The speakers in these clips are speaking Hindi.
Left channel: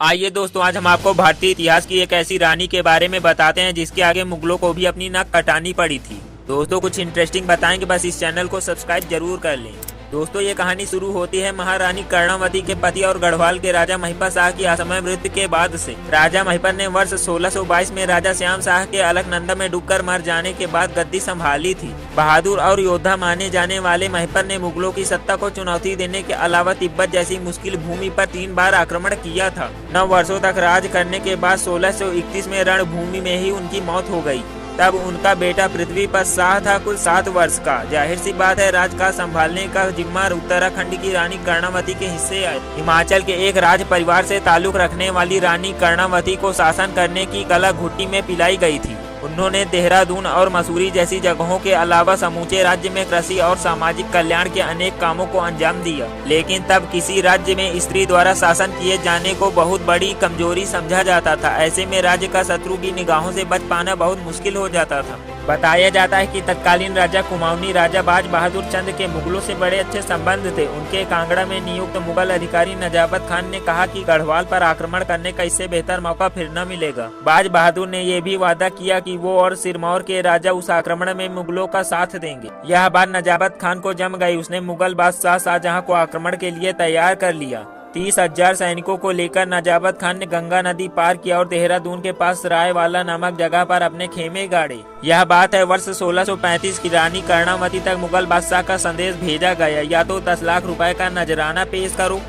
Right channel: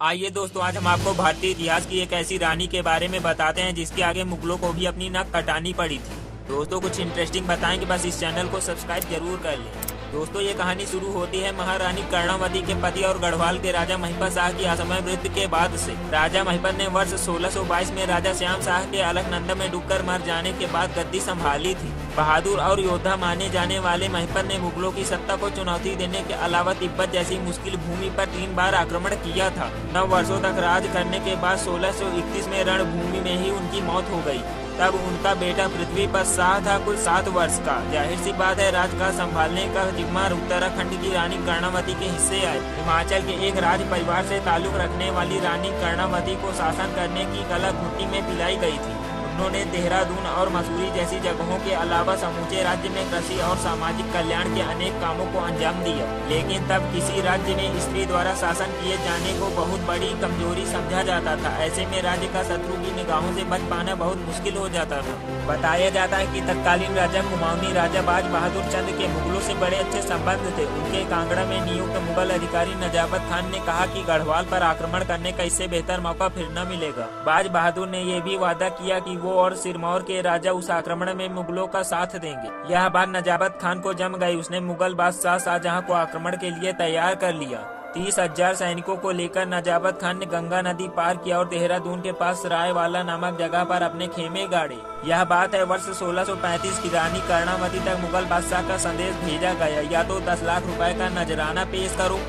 आइए दोस्तों, आज हम आपको भारतीय इतिहास की एक ऐसी रानी के बारे में बताते हैं जिसके आगे मुगलों को भी अपनी नाक कटानी पड़ी थी। दोस्तों कुछ इंटरेस्टिंग बताएंगे, बस इस चैनल को सब्सक्राइब जरूर कर लें। दोस्तों ये कहानी शुरू होती है महारानी कर्णावती के पति और गढ़वाल के राजा महिपाल शाह की असमय मृत्यु के बाद से। राजा महिपाल ने वर्ष 1622 में राजा श्याम शाह के अलकनंदा में डूबकर मर जाने के बाद गद्दी संभाली थी। बहादुर और योद्धा माने जाने वाले महिपाल ने मुगलों की सत्ता को चुनौती देने के अलावा तिब्बत जैसी मुश्किल भूमि पर 3 बार आक्रमण किया था। 9 वर्षों तक राज करने के बाद 1631 में रणभूमि में ही उनकी मौत हो गयी। तब उनका बेटा पृथ्वी पर शाह था, कुल 7 वर्ष का। जाहिर सी बात है, राजकाज संभालने का जिम्मा उत्तराखंड की रानी कर्णावती के हिस्से आए। हिमाचल के एक राज परिवार से ताल्लुक रखने वाली रानी कर्णावती को शासन करने की कला घुट्टी में पिलाई गई थी। उन्होंने देहरादून और मसूरी जैसी जगहों के अलावा समूचे राज्य में कृषि और सामाजिक कल्याण के अनेक कामों को अंजाम दिया। लेकिन तब किसी राज्य में स्त्री द्वारा शासन किए जाने को बहुत बड़ी कमजोरी समझा जाता था। ऐसे में राज्य का शत्रु की निगाहों से बच पाना बहुत मुश्किल हो जाता था। बताया जाता है कि तत्कालीन राजा कुमाऊनी राजा बाज बहादुर चंद के मुगलों से बड़े अच्छे संबंध थे। उनके कांगड़ा में नियुक्त मुगल अधिकारी नजाबत खान ने कहा कि गढ़वाल पर आक्रमण करने का इससे बेहतर मौका फिर न मिलेगा। बाज बहादुर ने यह भी वादा किया कि वो और सिरमौर के राजा उस आक्रमण में मुगलों का साथ देंगे। यह बात नजाबत खान को जम गई। उसने मुगल बादशाह शाहजहां को आक्रमण के लिए तैयार कर लिया। 30,000 सैनिकों को लेकर नजाबत खान ने गंगा नदी पार किया और देहरादून के पास रायवाला नामक जगह पर अपने खेमे गाड़े। यह बात है वर्ष 1635 की। रानी कर्णावती तक मुगल बादशाह का संदेश भेजा गया, या तो 10 लाख रुपए का नजराना पेश करो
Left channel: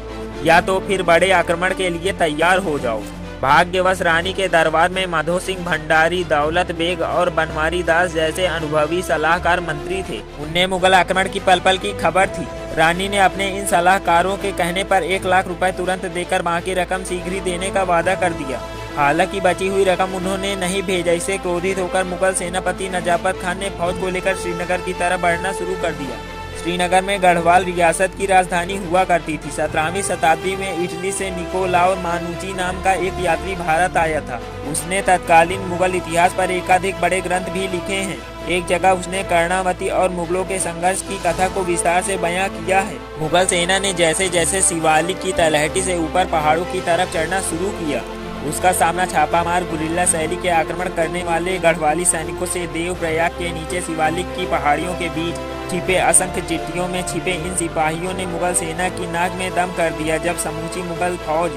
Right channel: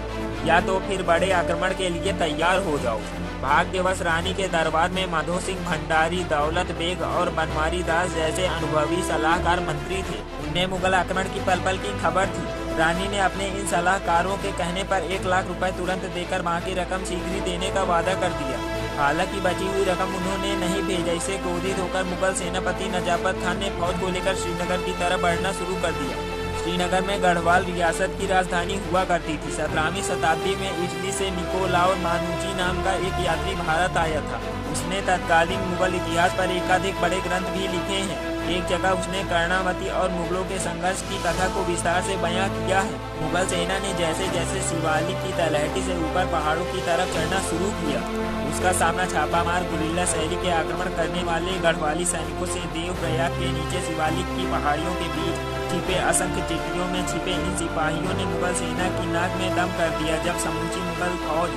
या तो फिर बड़े आक्रमण के लिए तैयार हो जाओ। भाग्यवश रानी के दरबार में माधो सिंह भंडारी, दौलत बेग और बनवारी दास जैसे अनुभवी सलाहकार मंत्री थे। उन्हें मुगल आक्रमण की पल पल की खबर थी। रानी ने अपने इन सलाहकारों के कहने पर 1 लाख रुपए तुरंत देकर बाकी रकम शीघ्र ही देने का वादा कर दिया। हालांकि बची हुई रकम उन्होंने नहीं भेजा। इससे क्रोधित होकर मुगल सेनापति नजाबत खान ने फौज को लेकर श्रीनगर की तरफ बढ़ना शुरू कर दिया। श्रीनगर में गढ़वाल रियासत की राजधानी हुआ करती थी। 17वीं शताब्दी में इटली से निकोलाउ मानुची नाम का एक यात्री भारत आया था। उसने तत्कालीन मुगल इतिहास पर एकाधिक बड़े ग्रंथ भी लिखे हैं। एक जगह उसने कर्णावती और मुगलों के संघर्ष की कथा को विस्तार से बयां किया है। मुगल सेना ने जैसे जैसे शिवालिक की तलहटी से ऊपर पहाड़ों की तरफ चढ़ना शुरू किया, उसका सामना छापामार गुरिल्ला शैली के आक्रमण करने वाले गढ़वाली सैनिकों से देवप्रयाग के नीचे शिवालिक की पहाड़ियों के बीच छिपे असंख्य चिट्ठियों में छिपे इन सिपाहियों ने मुगल सेना की नाक में दम कर दिया। जब समूची मुगल फौज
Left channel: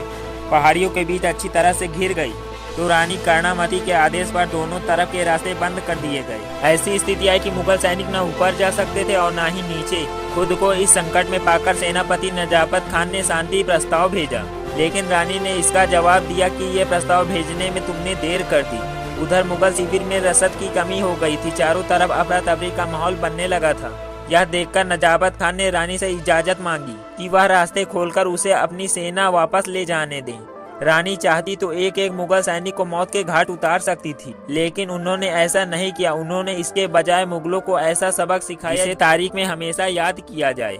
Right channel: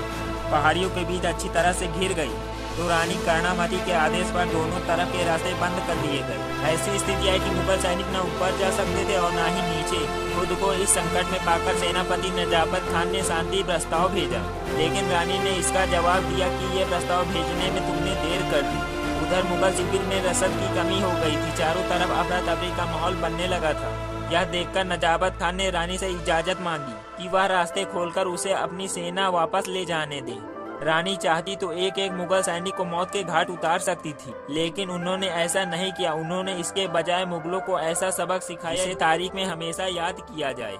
पहाड़ियों के बीच अच्छी तरह से घिर गई तो रानी कर्णावती के आदेश पर दोनों तरफ के रास्ते बंद कर दिए गए। ऐसी स्थिति आई कि मुगल सैनिक न ऊपर जा सकते थे और न ही नीचे। खुद को इस संकट में पाकर सेनापति नजाबत खान ने शांति प्रस्ताव भेजा, लेकिन रानी ने इसका जवाब दिया कि ये प्रस्ताव भेजने में तुमने देर कर दी। उधर मुगल शिविर में रसद की कमी हो गई थी। चारों तरफ अफरा तफरी का माहौल बनने लगा था। यह देखकर नजाबत खान ने रानी से इजाजत मांगी कि वह रास्ते खोलकर उसे अपनी सेना वापस ले जाने दे। रानी चाहती तो एक एक मुगल सैनिक को मौत के घाट उतार सकती थी, लेकिन उन्होंने ऐसा नहीं किया। उन्होंने इसके बजाय मुगलों को ऐसा सबक सिखाया जिसे तारीख में हमेशा याद किया जाए।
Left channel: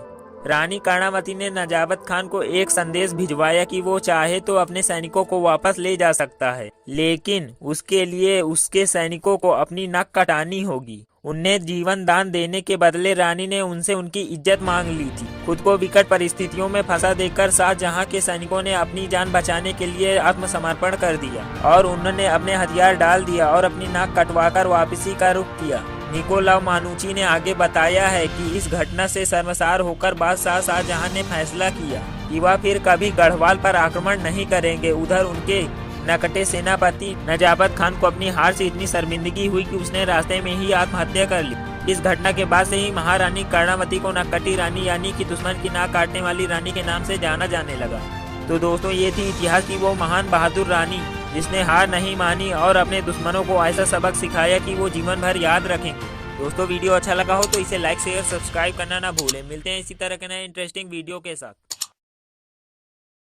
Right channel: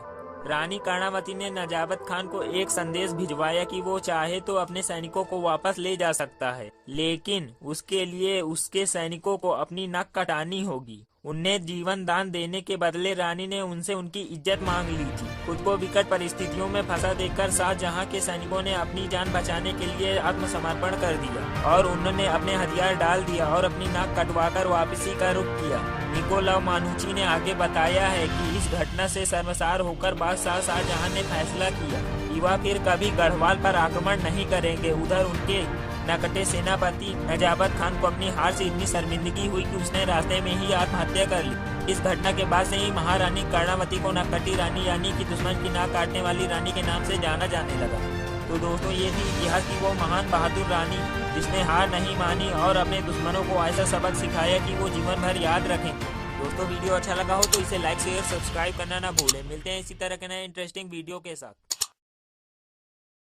रानी कर्णावती ने नजाबत खान को एक संदेश भिजवाया कि वो चाहे तो अपने सैनिकों को वापस ले जा सकता है, लेकिन उसके लिए उसके सैनिकों को अपनी नाक कटानी होगी। उन्हें जीवन दान देने के बदले रानी ने उनसे उनकी इज्जत मांग ली थी। खुद को विकट परिस्थितियों में फंसा देखकर शाहजहां के सैनिकों ने अपनी जान बचाने के लिए आत्मसमर्पण कर दिया और उन्होंने अपने हथियार डाल दिया और अपनी नाक कटवाकर वापसी का रुख किया। निकोलाउ मानुची ने आगे बताया है कि इस घटना से शर्मसार होकर बादशाह शाहजहां ने फैसला किया कि वह फिर कभी गढ़वाल पर आक्रमण नहीं करेंगे। उधर उनके नकटे सेनापति नजाबत खान को अपनी हार से इतनी शर्मिंदगी हुई कि उसने रास्ते में ही आत्महत्या कर ली। इस घटना के बाद से ही महारानी कर्णावती को नकटी रानी यानी कि दुश्मन की नाक काटने वाली रानी के नाम से जाना जाने लगा। तो दोस्तों ये थी इतिहास की वो महान बहादुर रानी जिसने हार नहीं मानी और अपने दुश्मनों को ऐसा सबक सिखाया कि वो जीवन भर याद रखेंगे। दोस्तों वीडियो अच्छा लगा हो तो इसे लाइक शेयर सब्सक्राइब करना ना भूलें। मिलते हैं इसी तरह के नए इंटरेस्टिंग वीडियो के साथ।